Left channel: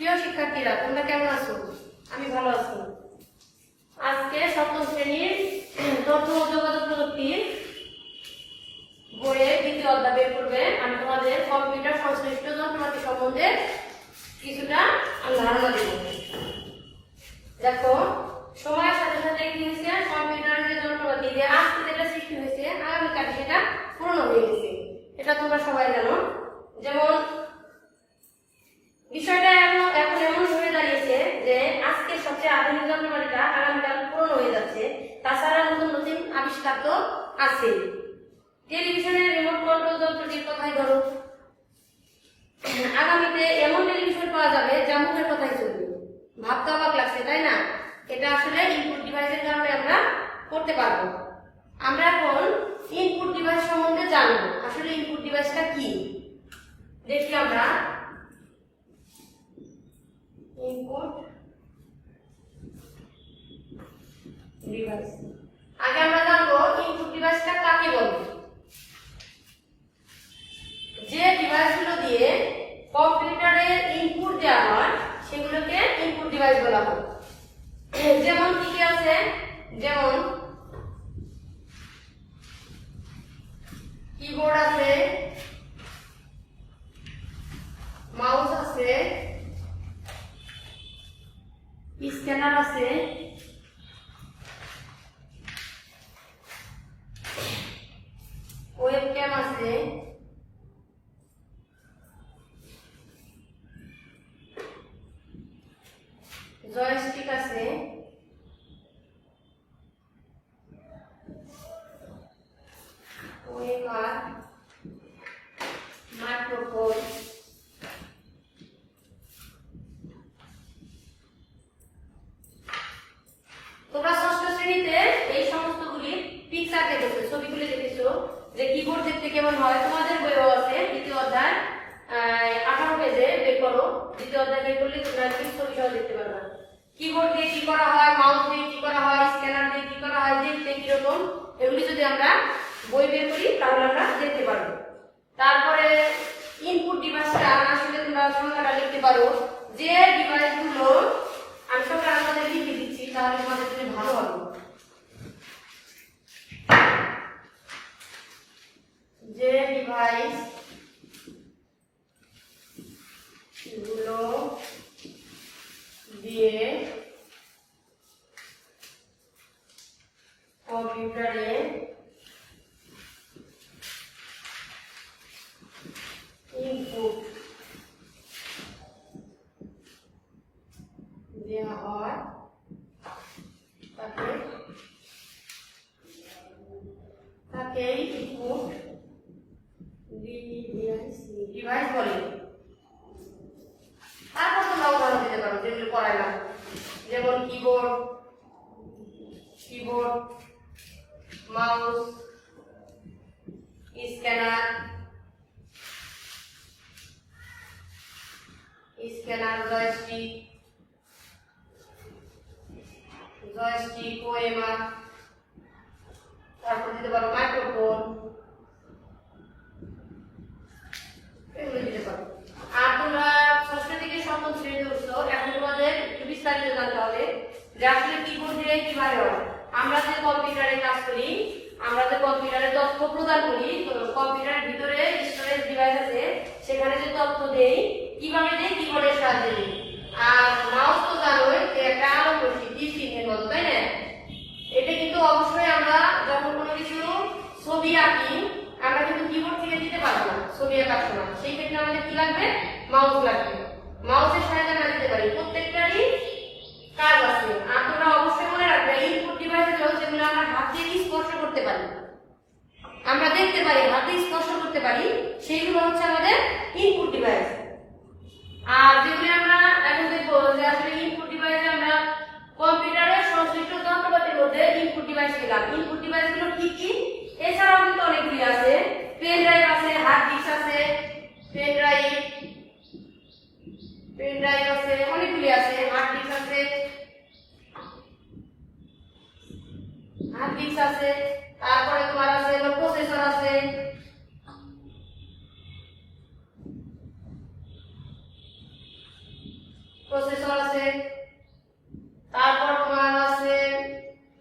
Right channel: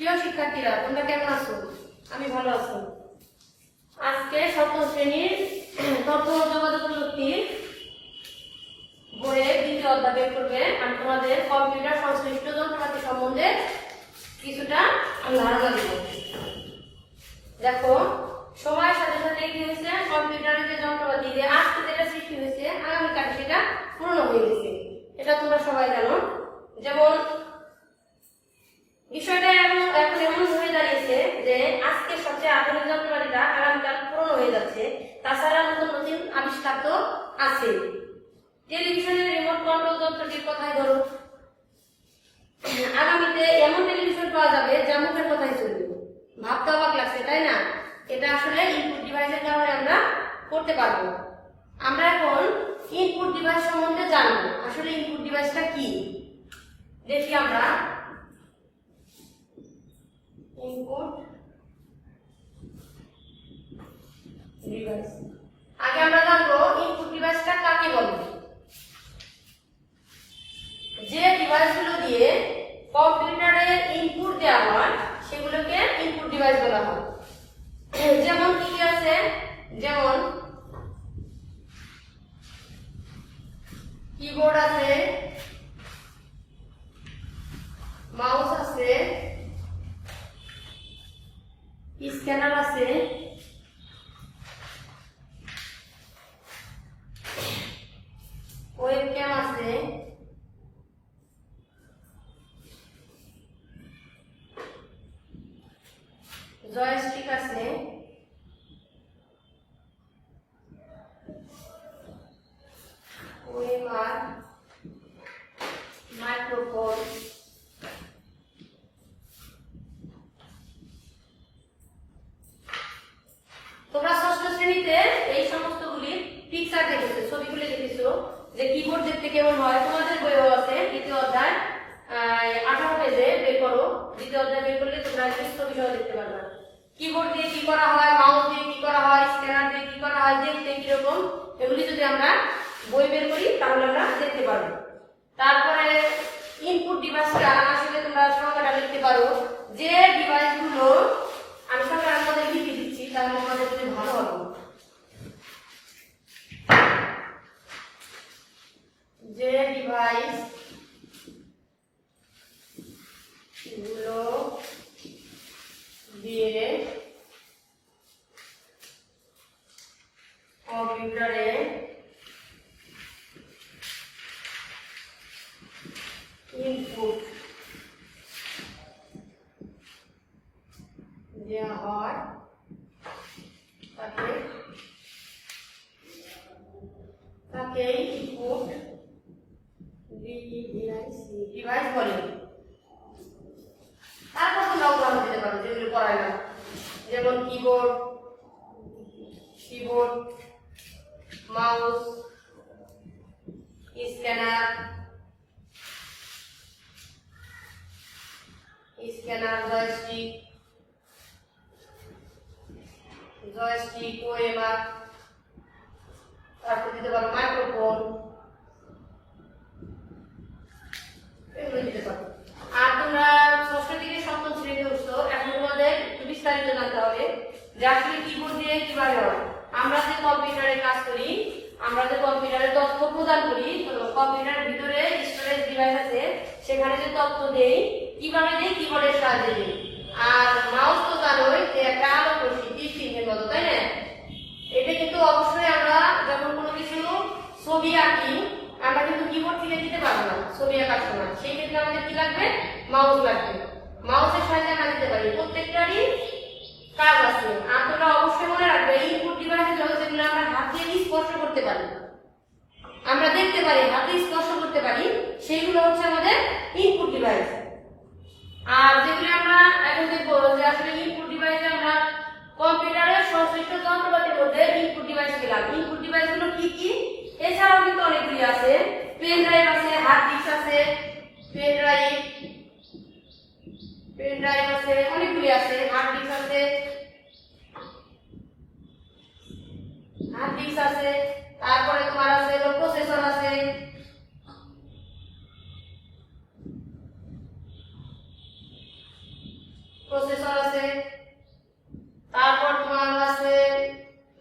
প্রিয় শিক্ষার্থীরা, তোমরা কেমন আছো? আমি ভালো আছি। আজকে সপ্তম শ্রেণীর তথ্য ও যোগাযোগ প্রযুক্তির বইয়ের দ্বিতীয় অধ্যায় বের করবে। আমি তোমাদের কম্পিউটার সংশ্লিষ্ট যন্ত্রপাতি সম্বন্ধে কিছুটা ধারণা দেব। দেখো, সময়ের সাথে সাথে কি হয়েছে, কম্পিউটারের যে যন্ত্রপাতি যে আজকে যেটা সৃষ্টি হয়েছে আগামীকালে সেটা পুরনো হয়ে গেছে। এটা তোমরা সবাই জানো। যেমন বিষয়টা এখন এমন হয়ে দাঁড়িয়েছে যে আজকে সবচেয়ে আধুনিক যন্ত্রপাতিটা আগামীকাল পুরনো হয়ে যাচ্ছে। তাছাড়া নতুন নতুন আবিষ্কার তো আছে। টেলিভিশনের রিমোট কন্ট্রোল যন্ত্রটির কথাই ধরো, আগামীতে এমন টেলিভিশন পাওয়া যাবে যা মুখের কথাই চলবে। ভাবতে অবাক লাগছে, তাই না? এটা আসলে ইনপুট ডিভাইসের কারণে আমরা করতে পারবো। আমরা এখন ইনপুট ডিভাইস সম্বন্ধে জানবো। আসলে ইনপুট ডিভাইসটা কি দেখি আমরা। ইনপুট ডিভাইস, আগে আমরা জানবো ইনপুট ডিভাইসটা কাকে বলে। যে ডিভাইসগুলো দিয়ে কম্পিউটারের ইনপুট দেওয়া হয় সেগুলোকে ইনপুট ডিভাইস বলা হয়। যেমন কি কি আছে, যেমন কিবোর্ড আছে, মাউস আছে, স্ক্যানার আছে, ওয়েবক্যাম আছে, জয়স্টিক আছে, ওএমআর, মাইক্রোফোন, তোমরা ষষ্ঠ শ্রেণীতে এই সমস্তগুলির পিকচার দেখেছো, ছবিগুলি দেখেছো যে কিবোর্ড দেখতে কেমন হয়। তোমাদের বইও আছে দ্বিতীয় অধ্যায় 18 পেজে বের করো। দ্বিতীয় অধ্যায় বের করলে তোমরা ছবি সহ দেখতে পারবে। কিবোর্ড দিয়ে কি করা হয়, মাউস দিয়ে কি করা হয়, স্ক্যানার দিয়ে কি করা হয়, দেখতে কিরকম, এগুলি যদি আমরা বই বের করি তাহলে আমরা দেখতে পারবো। তারপরে ইনপুট ডিভাইসটা আসলে তোমরা সংখ্যাটা লিখতে পারো। যে ডিভাইসগুলো আমি সংখ্যার মধ্যে লিখে দিচ্ছি তাহলে তোমাদের জন্য ভালো হবে। যে ডিভাইস গুলো দিয়ে কম্পিউটারে ইনপুট দেওয়া হয় তাকে ইনপুট ডিভাইস বলে। তারপর তোমরা উদাহরণ দিতে পারো যেগুলো পড়াইলাম, যেমন keyboard, mouse, scanner, joystick, OMR, তারপর দিতে পারো মাইক্রোফোন, এগুলো দিতে পারো। আর তোমরা ষষ্ঠ থেকে সপ্তম শ্রেণীতে উঠছো, এখন তোমাদের একটু বিস্তারিত জানতে হবে যে আসলে কিবোর্ড দিয়ে কিভাবে হয়। আমরা যে কম্পিউটারে কাজ করি, আমরা যে কম্পিউটারে তথ্য প্রদান করি, কম্পিউটারের ভিতরে স্টোরেজ ডিভাইস আছে, সেখানে যে তথ্য দেই কিভাবে দেই, কিবোর্ডের সাহায্যে দেই। আর মাউস তো জানোই যে একটা আলোক রশ্মি তীর চিহ্নের মতো, তাই না? এটা কিন্তু অবশ্যই আমরা যখন কোনো কিছু ছবি আঁকি আমরা কিন্তু কিবোর্ড থেকে দিতে পারবো না ছবি আঁকার সময়। সেই ক্ষেত্রে আমাদের কি লাগবে, মাউস লাগবে। মাউসের সাহায্যে আমরা দিতে পারি। প্রত্যেকটারই কাজ আছে। আর তোমরা অবশ্যই মনে রাখবে ইনপুট ডিভাইসের যেগুলো আমরা হাত দিয়ে স্পর্শ করতে পারি, আমরা দেখতে পারি, হাতে স্পর্শ করতে পারি, সেইগুলো হচ্ছে আমাদের ইনপুট ডিভাইস। আর যেগুলো আমরা এখন দেখবো যে আসলে ইনপুট ডিভাইসে আমরা কম্পিউটারের সংশ্লিষ্ট যন্ত্রপাতির মধ্যে ইনপুট ডিভাইস পেলাম। ইনপুট ডিভাইসগুলো কি কি? এছাড়াও কিন্তু অনেকগুলি আছে। পেন ড্রাইভ আছে, হার্ড ডিস্ক আছে, পেন ড্রাইভ আছে, অনেকগুলি আছে। হার্ড ডিস্ক আছে, তারপরে তোমার আছে প্রসেসর আছে, প্রসেসর আছে, তারপর তোমার আছে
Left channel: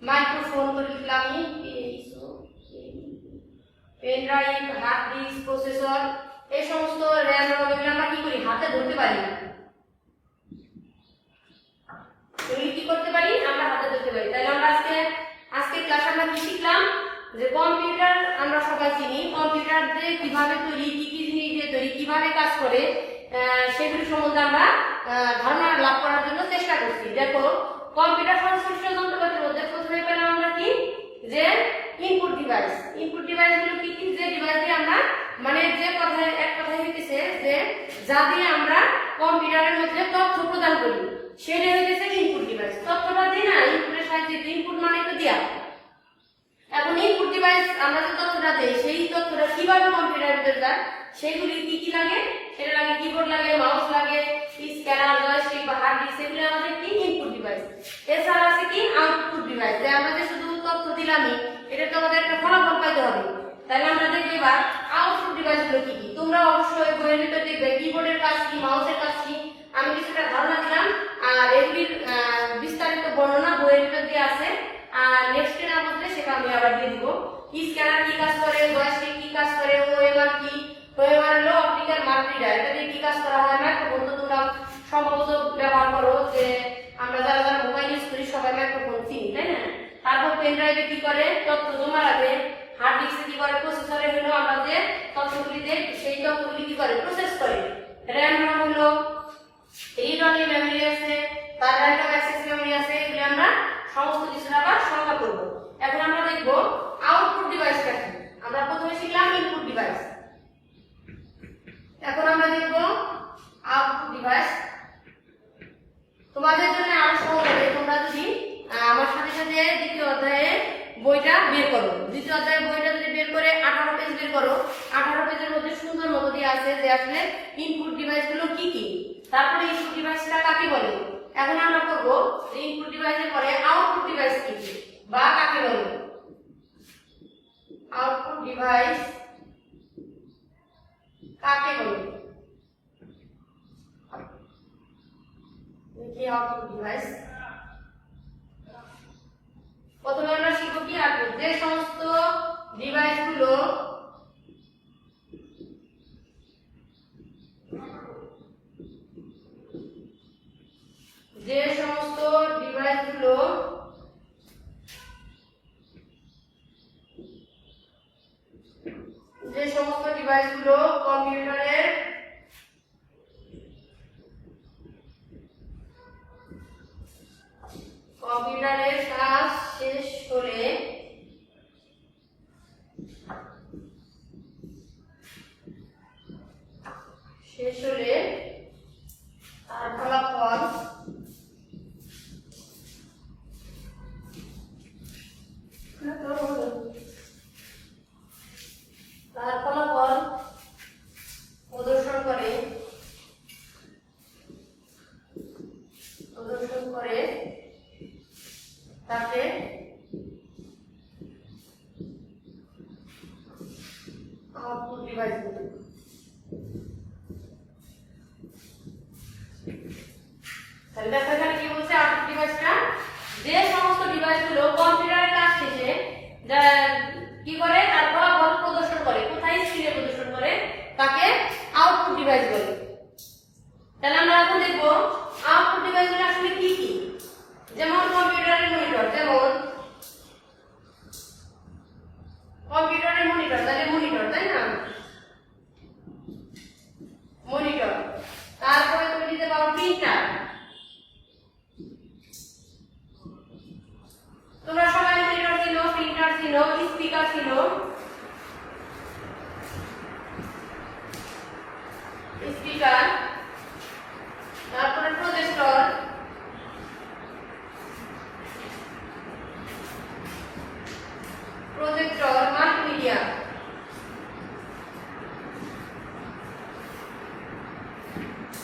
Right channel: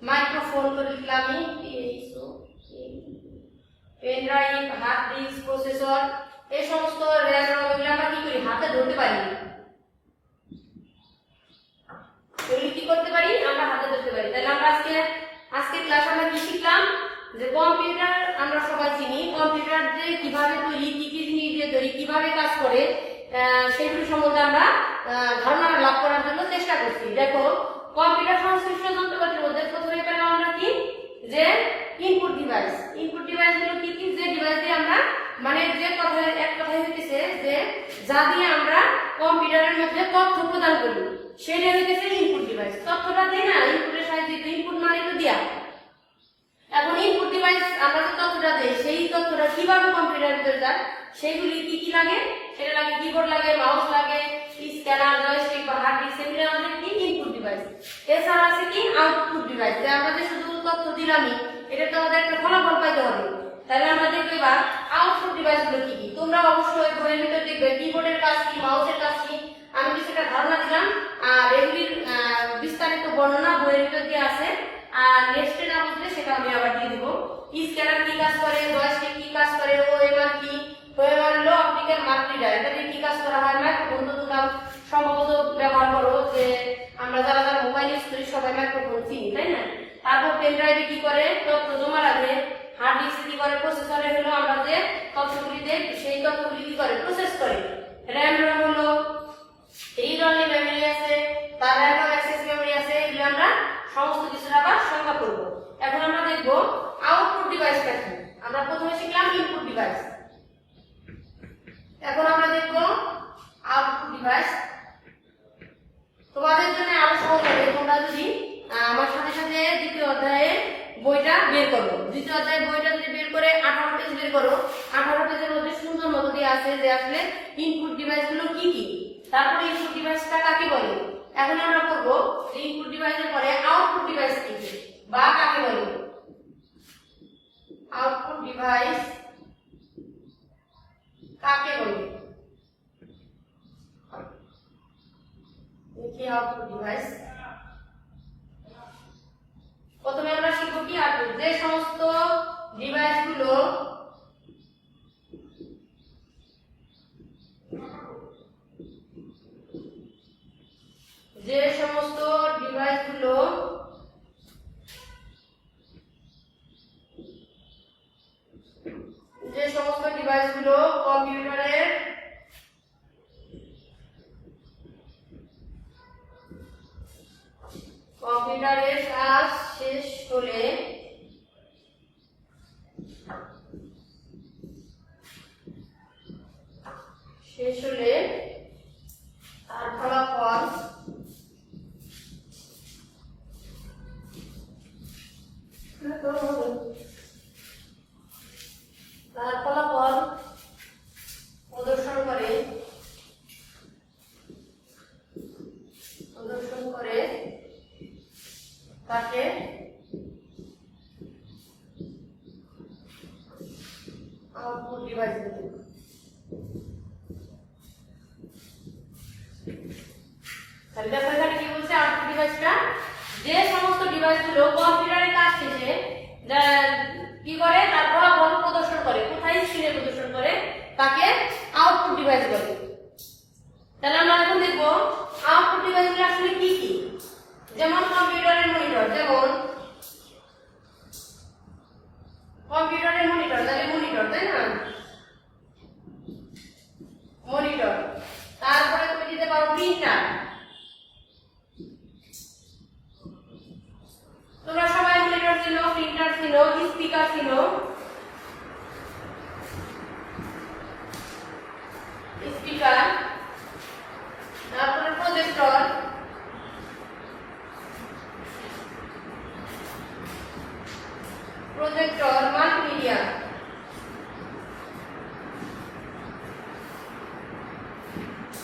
মাইক্রোফোন, তো লিখলাম pen drive, hard disk, processor, এই সমস্ত র্যাম এগুলো আমরা কি করি, হাতে ধরতে পারি না। এগুলি কি করতে পারি, আমরা হাতে ধরতে পারি। তাহলে আমরা আজকে ক্লাস আমরা কি শিখলাম, যে কম্পিউটার আমরা সবাই চিনি, কম্পিউটার যে কিভাবে তৈরি, কি কি জিনিস দিয়ে তৈরি, কিভাবে কাজ করে, সেগুলি সম্বন্ধে আমরা ধারণা লাভ করার জন্য চেষ্টা করছি। দেখো, কম্পিউটার সংশ্লিষ্ট যন্ত্রপাতির মধ্যে প্রথমে পেলাম আমরা কি, যে ইনপুট ডিভাইস। ইনপুট ডিভাইস গুলো কি কি, যে ডিভাইস দিয়ে আমরা, মানে যে কথা, এক কথাই হইতেছে যে যা দিয়ে আমরা কম্পিউটারের মধ্যে তথ্য প্রদান করি, সেটা হইতেছে ইনপুট ডিভাইস। তথ্যটা দিই না, ইনপুটের সাহায্যে, ইনপুট মানে তো দেয়া। এখন ইনপুট ডিভাইস আমরা যে তথ্যটা দেই, সেই তথ্যটা কিভাবে কম্পিউটারের ভিতরে যায়, সেগুলি কি কি লাগে, সেটা লাগে কিবোর্ড লাগে, মাউস লাগে, স্ক্যানার, জয়স্টিক বা হার্ড ডিস্ক, সেগুলি আমাদের কি ইনপুট ডিভাইস। এছাড়া আছে কি আউটপুট ডিভাইস, যে আমরা যে শুধু তথ্য দিলামই, এটা তো আমাদের একটা ফলাফল পাইতে হবে। তাহলে আমরা দেখব এবার আউটপুট ডিভাইস গুলো কি কি। তোমরা অবশ্যই বইয়ের ভিতর দেখবে কিবোর্ডের কাজ কি, মাউসের কাজ কি, আমি কিছুটা ধারণা দিলাম, আর এগুলির বিস্তারিত বর্ণনা বইয়ের ভিতর দিয়ে আছে। আর নেক্সটে না বুঝলে সেটা আমি আবার দিয়ে দিব। স্ক্যানার কি কাজ করে, জয়স্টিক কি কাজ করে, ওএমআর কি, ওএমআর হলো অপটিক্যাল মার্ক রিডার, এটা দিয়ে কি কাজ করা হয়, মাইক্রোফোন তো তোমরা সম্ভবত ব্যবহার করো, যে আমরা যারা যারা মোবাইল ইউজ করি সবাই মাইক্রোফোন চিনি, তাই না। তারপর পেন ড্রাইভে কি করে, তথ্য জমা রাখে। হার্ড ডিস্কে কি করে, প্রসেসরে হলো আমরা যে তথ্যগুলি দেই, সেই তথ্যগুলি কি করে, প্রসেস করে। র্যাম হলো রিড অনলি মেমরি আছে, তার র্যান্ডম অ্যাক্সেস মেমরি আছে, এগুলো আমরা সমস্ত কিছু আবার সংখ্যা করব। এখন আমরা দেখব আউটপুট ডিভাইসটা কি। আমরা প্রথমে শিখলাম ইনপুট ডিভাইস, এখন আমরা দেখব আউটপুট ডিভাইস। তোমাদের জন্য আরো সহজ হবে তোমরা যদি আমার সাথে সাথে দ্বিতীয় অধ্যায়ে বইটা বের করো। দ্বিতীয় অধ্যায়ের বইটা যদি বের করে 18 পেজ বের করো, 18 পেজের মধ্যে সুন্দর মতো দিয়ে আছে যে আসলে ইনপুট ডিভাইস গুলো কি কি, তারপরে ইনপুট ডিভাইসটা কাকে বলে। এখন আমরা করবো ইনপুট ডিভাইসের পরে আউটপুট ডিভাইস কি বা কাকে বলে। আউটপুট ডিভাইস কাকে বলে, দেখি আউটপুট ডিভাইস। প্রথমে আমরা শিখব কি আউটপুট, যে সমস্ত ডিভাইস গুলো কম্পিউটারের কাজ শেষ হলে তার ফলাফল প্রদর্শন করে তাকে আউটপুট ডিভাইস বলে। তাহলে দেখো এখানে কি বলছে, আউটপুট ডিভাইসটা যে সমস্ত ডিভাইসগুলো কম্পিউটারের কাজ শেষে কি করে, তার ফলাফল প্রদর্শন করে, কোথায় স্ক্রিনে প্রদর্শন করে, তাকে আউটপুট ডিভাইস বলে। তাহলে আমরা এখন দেখব আউটপুট ডিভাইসগুলো আসলে কি কি। যেমন কম্পিউটারের মনিটর, যেমন কম্পিউটারের মনিটর, তাহলে মনিটর, তাই না, মনিটর। তারপরে তুমি দিতে পারো প্রিন্টার। তোমরা সবাই মনিটর চিনো, প্রিন্টার চিনো, স্পিকার চিনো, স্পিকার। তারপরে প্রজেক্টর, মাল্টিমিডিয়া।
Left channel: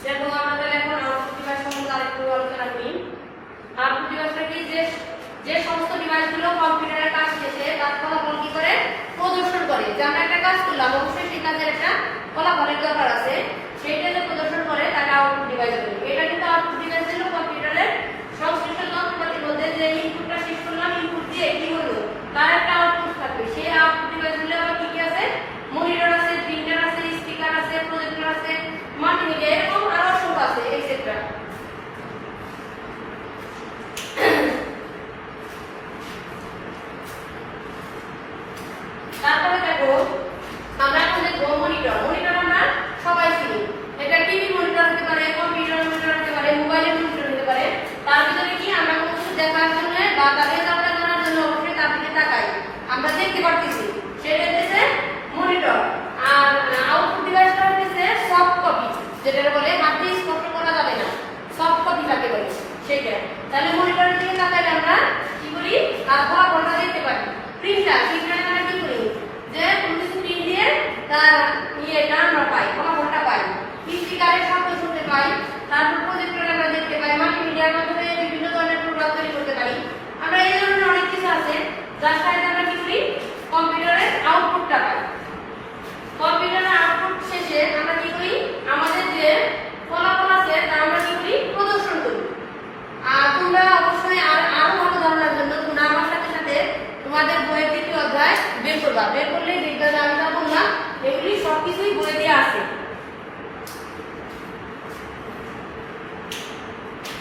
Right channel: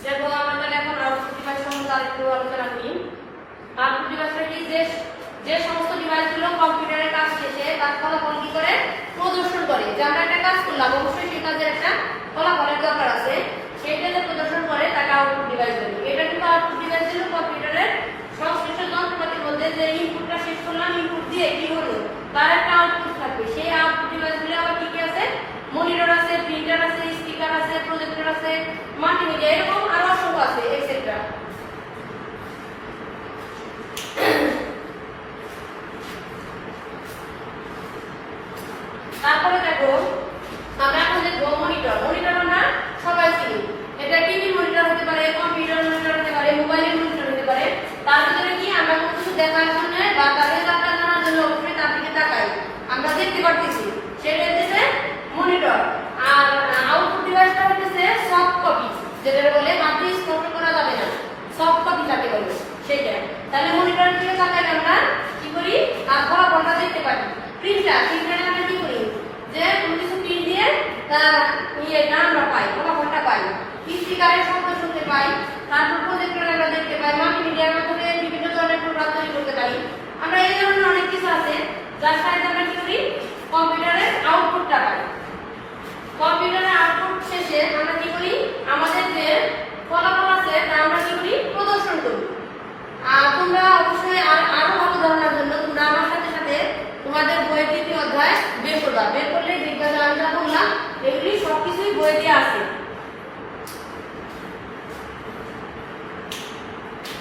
দেখো আমরা তাহলে এখন আউটপুট ডিভাইস সম্বন্ধে আরেকটু আলোচনা করি। আউটপুট ডিভাইসটা কি, যে সমস্ত ডিভাইসগুলো কম্পিউটারের কাজ শেষে তার ফলাফল কি করে, প্রদর্শন করে। যে আমরা একটা কাজ করলাম, অবশ্যই সেই কাজের একটা ফলাফলের দরকার আছে, সেইটা যে প্রদর্শন করে তাকে আউটপুট ডিভাইস বলি। এটা কিন্তু আউটপুট ডিভাইস দেখতে পারতেছি সেটা হচ্ছে মনিটর। আর আউটপুট ডিভাইসটা হচ্ছে সফট কপি, যেটা বলে মাত্র স্পষ্ট করা যাবে না, সফট কপি যাকে বলে সেটা। তাহলে মনিটরের দিকে তাকালে আমরা কি করি, তার ফলাফলটা দেখতে পারি। প্রিন্টারে আমরা কি করি, যে কোনো কিছু প্রিন্ট দিয়ে তার ইয়েটা আমরা পাই, ফলাফলটা পাই। স্পিকারের শব্দ শুনতে পাই, তারপর প্রজেক্টরে আমরা দেখতে পাই, মাল্টিমিডিয়ার মাধ্যমে বিভিন্ন ধরনের প্রোগ্রাম তৈরি করতে পারি। আমরা এই ধরনের অনেক কিছু আছে যার সাহায্যে আমরা কি করি, কম্পিউটারের আউটপুটটা পাই। কম্পিউটারের আউটপুট শেষে আমরা কি করি, আমাদের যে ফলাফল আছে তা আমরা কি করি, প্রদর্শন করি। আর তোমরা অবশ্যই আরো ভালো ধারণার জন্য তোমরা আমার সাথে সাথে তোমাদের বইয়ের 2টি অধ্যায় বের করবা। বের করলে দেখবা যে আমি যা বললাম এগুলি সবকিছুই বইয়ে দেওয়া আছে।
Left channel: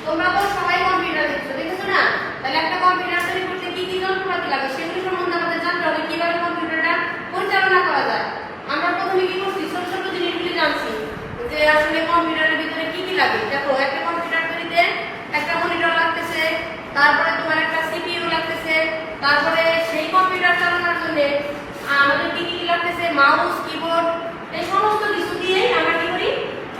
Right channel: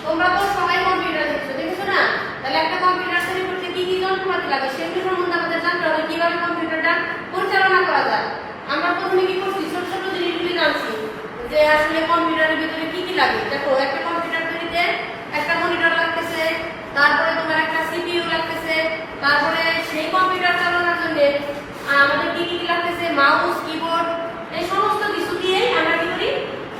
তোমরা তো সবাই কম্পিউটার দেখেছো না? তাহলে একটা কম্পিউটার তৈরি করতে কি কি যন্ত্রপাতি লাগে সেগুলো সম্বন্ধে আমাদের জানতে হবে, কিভাবে কম্পিউটারটা পরিচালনা করা যায়। আমরা প্রথমে কি করছি, ছোট ছোট জিনিসগুলি জানছি যে আসলে কম্পিউটারের ভিতরে কি কি লাগে। দেখো, একটা কম্পিউটার তৈরিতে একটা মনিটর লাগতেছে, তারপরে তোমার একটা সিপিইউ লাগতেছে, তারপরে সেই কম্পিউটার চালানোর জন্য আমাদের কি কি লাগতেছে, মাউস, কিবোর্ড, এই সমস্ত কিছু দিয়েই আমরা কি করি,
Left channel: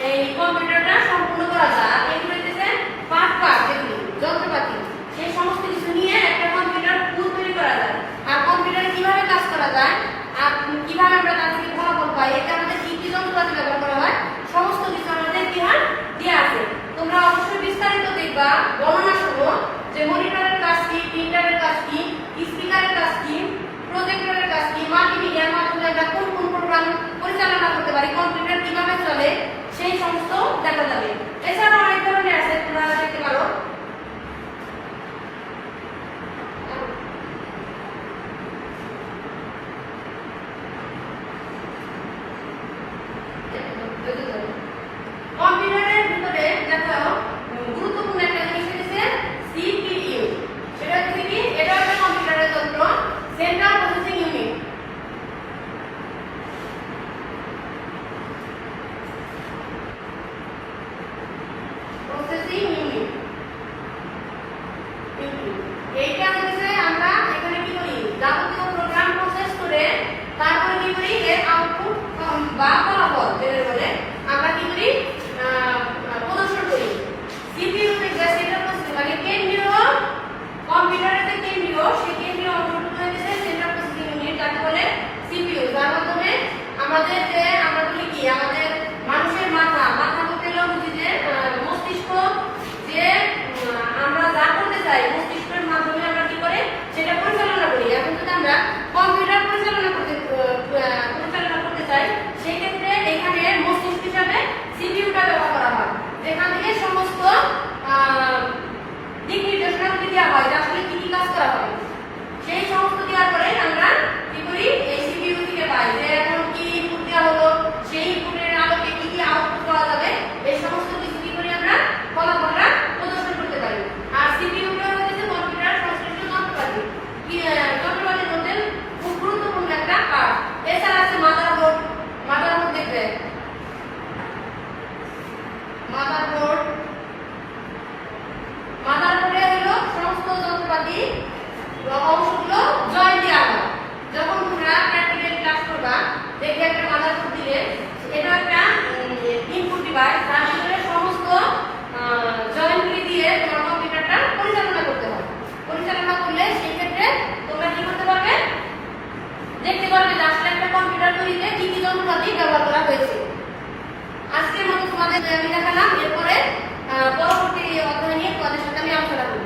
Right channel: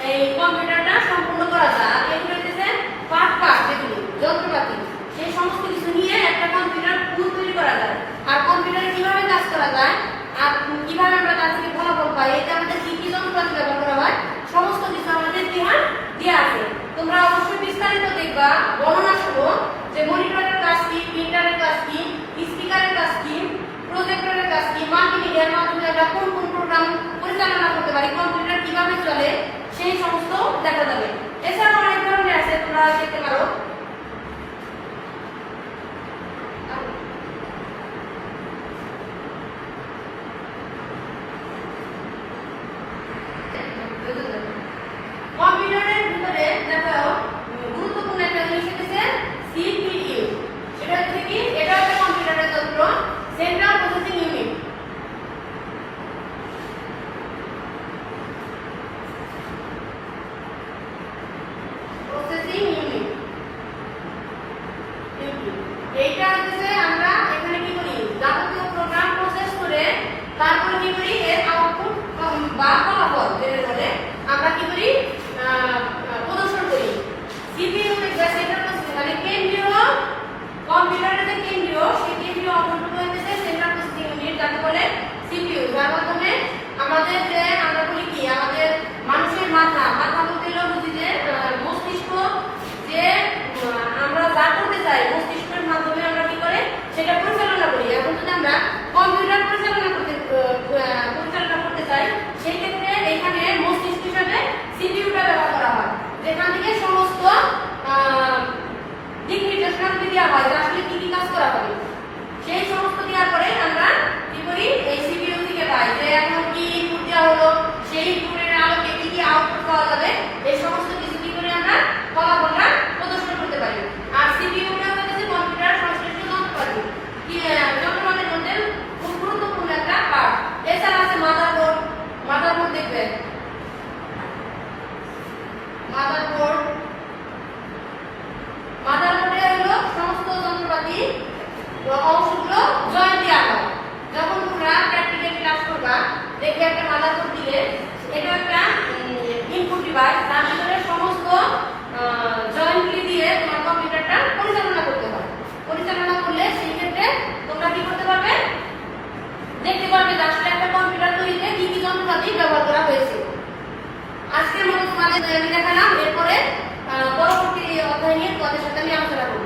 এই কম্পিউটারটা সম্পূর্ণ করা যায়। এগুলো হচ্ছে পার্ট যেগুলি যন্ত্রপাতি, সেই সমস্ত কিছু নিয়ে একটা কম্পিউটার ফুল তৈরি করা যায়। আর কম্পিউটারে কিভাবে কাজ করা যায় আর কিভাবে আমরা তার থেকে ফলাফল পাই, এটা আমাদের কি কি যন্ত্রপাতি ব্যবহার করা হয় সমস্ত কিছু আমাদের বিহার দেওয়া আছে। তোমরা অবশ্যই বিস্তারিত দেখবা, বর্ণনা শুনো যে মনিটরের কাজ কি, প্রিন্টারের কাজ কি, স্পিকারের কাজ কি, প্রজেক্টরের কাজ কি, মাল্টিমিডিয়ার মাধ্যমে আমরা কোন কোন প্রোগ্রাম পরিচালনা করতে পারি, কম্পিউটার কিভাবে চলে সেই সমস্ত দেখা যাবে। এছাড়াও অনেক ধরনের আছে, তোমরা দেখতে পারো। কম্পিউটারের ভিতরে দেখো গুরুত্বপূর্ণ একটা জিনিস হচ্ছে সিপিইউ। সেটা হচ্ছে কি, এটা একটা কম্পিউটারের যন্ত্র, central processing unit. Processing unit এইটা হচ্ছে আমরা এখানে কি করি, যাবতীয় প্রোগ্রাম প্রসেস করে তারপরে কি করি, এর আউটপুট বা ফলাফল যেটা বলে আমরা কি করি, প্রদর্শন করি। সিপিইউ দেখবে সেটা মানে কেন্দ্রীয় কম্পিউটারের যে কেন্দ্রীয়, সেই কেন্দ্রীয় অংশটুকু হচ্ছে সেন্ট্রাল প্রসেসিং ইউনিট, যাকে বলে সিপিইউ। যার মাধ্যমে আমাদের যে আমরা বলি কি, আমাদের মানুষের মাথা বলতে হলো যে মস্তিষ্ক, যে আমরা যা করতে চাই মস্তিষ্কের মাধ্যমে আমরা কি করে সেটা পরিচালনা করি। এখন যদি আমরা কম্পিউটার পরিচালনা করতে চাই, সেই ক্ষেত্রে এখানে মস্তিষ্ক হিসাবে সিপিইউটা ব্যবহার করা হয়, যেখান থেকে সমস্ত দিক নির্দেশনাগুলি দেওয়া হয় যে আসলে কি কি কাজ করা হবে। সেই সমস্ত দেওয়ার পরে আমরা কি করি, এই সিপিইউ থেকে পাই যে এখন কি ইনপুট দেওয়া হলো, সেই ইনপুটের আলোকে কি কি আউটপুট পাওয়া যাবে, এই সমস্ত কিছু কি করে আমরা ফলাফলটা প্রদর্শন করতে পারি। আর সিপিইউটা হচ্ছে কম্পিউটার সংশ্লিষ্ট যন্ত্রপাতি, যন্ত্রপাতির মধ্যে খুব গুরুত্বপূর্ণ একটা পার্ট। এছাড়া আছে মাদারবোর্ড দেখবে, মাদারবোর্ডে হলো সমস্ত যন্ত্রপাতি অংশগুলো জয়েন দেওয়া হয়। যখন তোমরা প্র্যাকটিক্যাল ক্লাস করবা দেখবে একটা মাদারবোর্ড দিলে, এটা একটা ইনপুট ডিভাইস, যার ভিতরে সমস্ত জয়েন্টগুলি দিয়ে তোমার কম্পিউটারটা পরিচালনা করতে হয়। পরিচালনা করলে সেই ক্ষেত্রে তোমরা কি করতে পারবে, দেখতে পারবে যে আসলে একটা কম্পিউটার তৈরিতে কি কি যন্ত্রপাতি ব্যবহার করা হয়েছে। আজকের মতো তোমাদের দেখালাম, এরপরে পরবর্তী অধ্যায় নিয়ে তোমাদের সাথে আমি আলোচনা করব।